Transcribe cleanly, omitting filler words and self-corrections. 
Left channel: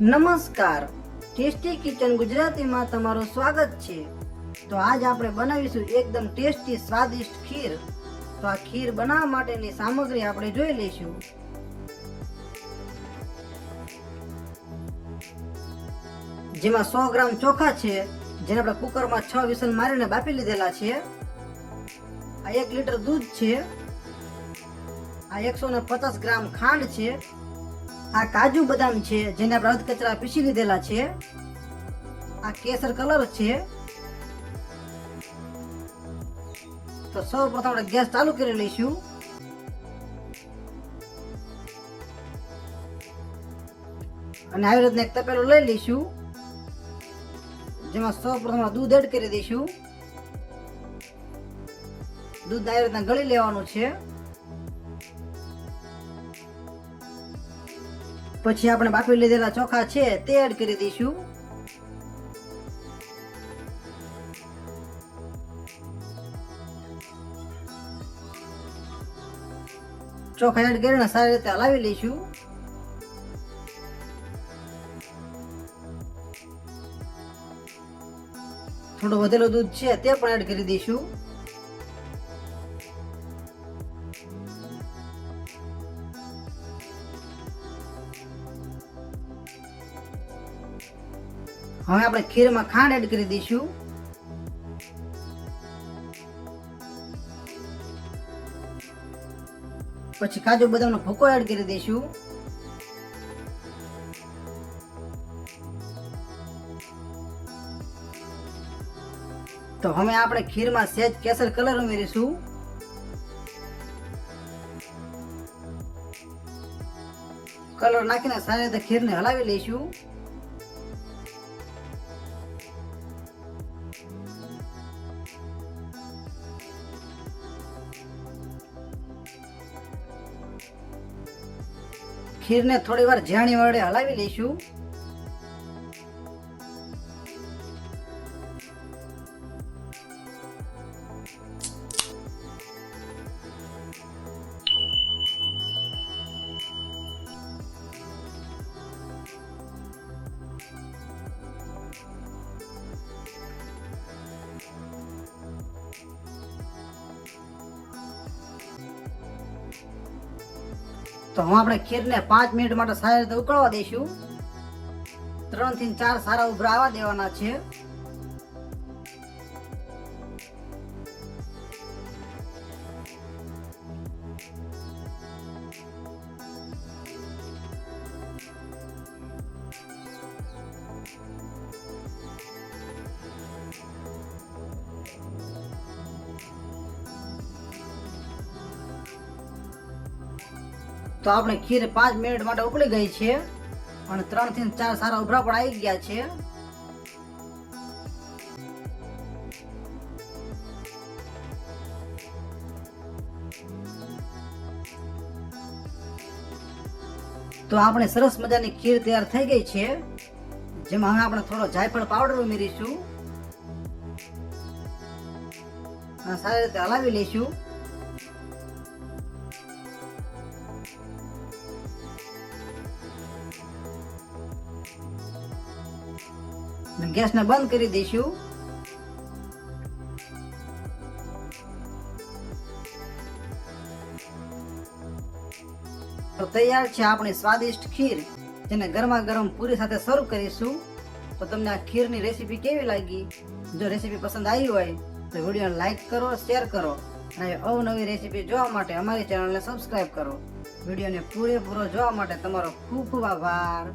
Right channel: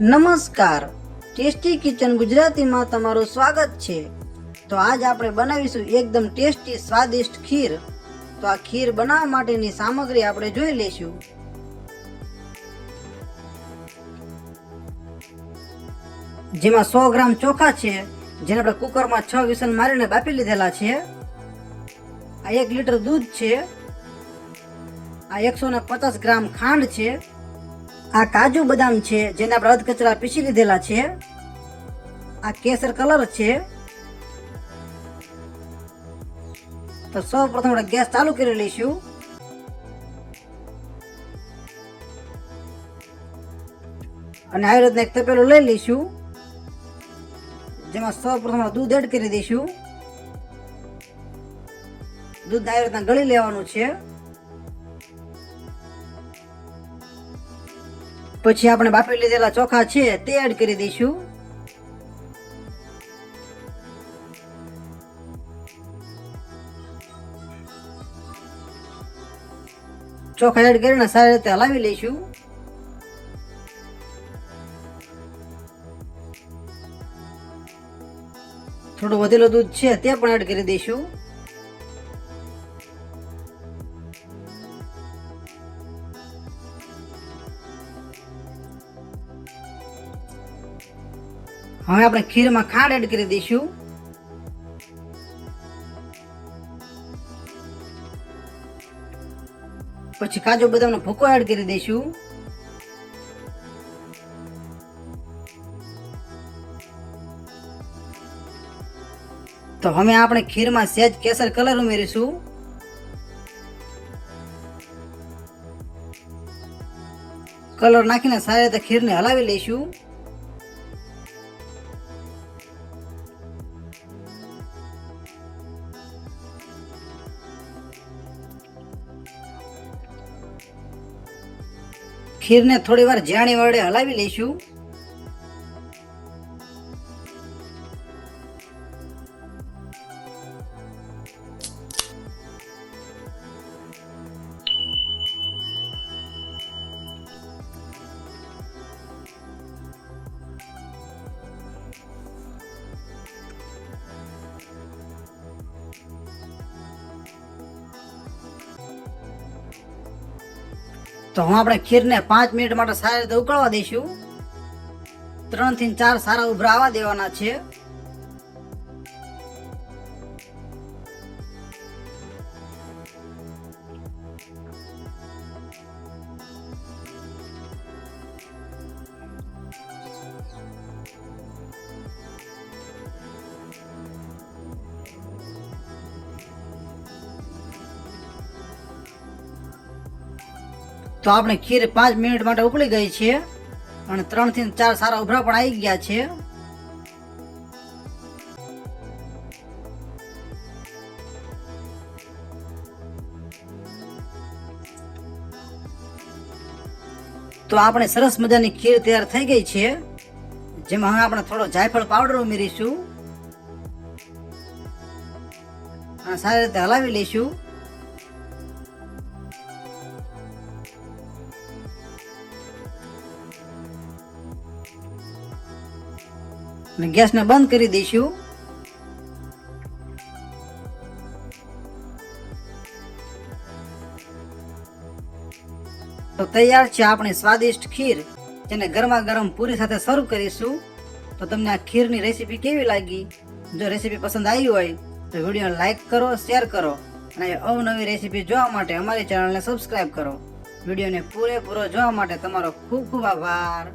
નમસ્કાર, tasty kitchen ગુજરાતીમાં તમારું સ્વાગત છે। તો આજ આપણે બનાવીશું એકદમ ટેસ્ટી સ્વાદિષ્ટ ખીર। તો આ ખીર બનાવવા માટેની સામગ્રી આપણે જોઈ લઈશું। જેમાં 100 ગ્રામ ચોખા છે, જેને આપણે કુકરમાં 6 વિસલ મારીને બાફી લીધેલા છે। આ 1 લીટર દૂધ છે। આ 150 ગ્રામ ખાંડ છે। આ કાજુ બદામ છે, જેને આપણે અધ કચરા પીસી લીધેલા છે। આ કેસર કલર છે। તો સૌ પ્રથમ આપણે ગેસ ચાલુ કરી લઈશું। અને આવી રીતના એક તપેલું લઈ લઈશું, જેમાં સૌ પ્રથમ દૂધ એડ કરી દઈશું। દૂધ આવી રીતના ગળી લેવાનું છે। પછી આપણે બાફી લીધેલા ચોખા છે તે એડ કરી દઈશું। ચોખા એડ કરીને સારી રીતે હલાવી લઈશું। થોડું વધેલું દૂધ છે તે પણ એડ કરી દઈશું। હવે આપણે ખીરમાં ખાંડ એડ કરી દઈશું। પછી કાજુ બદામનો ભૂકો એડ કરી દઈશું। તો હવે આપણે ખીરમાં સહેજ કેસર કલર ઉમેરીશું। કલર નાખીને સારી રીતે ખીરને હલાવી લઈશું। ખીરને થોડી વાર જાણી વડે હલાવી લઈશું। તો હું આપણે ખીરને 5 મિનિટ માટે સારી રીતે ઉકળવા દઈશું। 3 થી 4 સારા ઉભરા આવવા દેવાના છે। તો આપણે ખીર 5 મિનિટ માટે ઉકળી ગઈ છે અને 3 થી 4 સારા ઉભરા પણ આવી ગયા છે। તો આપણે સરસ મજાની ખીર તૈયાર થઈ ગઈ છે, જેમાં હવે આપણે થોડો જાયફળ પાવડર ઉમેરીશું અને સારી રીતે હલાવી લઈશું। ગેસને બંધ કરી દઈશું। તો તૈયાર છે આપણી સ્વાદિષ્ટ ખીર, જેને ગરમા ગરમ પૂરી સાથે સર્વ કરીશું। તો તમને આ ખીરની રેસીપી કેવી લાગી? જો રેસીપી પસંદ આવી હોય તો વિડીયોને લાઈક કરો, શેર કરો અને અવનવી રેસીપી જોવા માટે અમારી ચેનલને સબસ્ક્રાઇબ કરો। વિડીયોને પૂરેપૂરો જોવા માટે તમારો ખૂબ ખૂબ આભાર।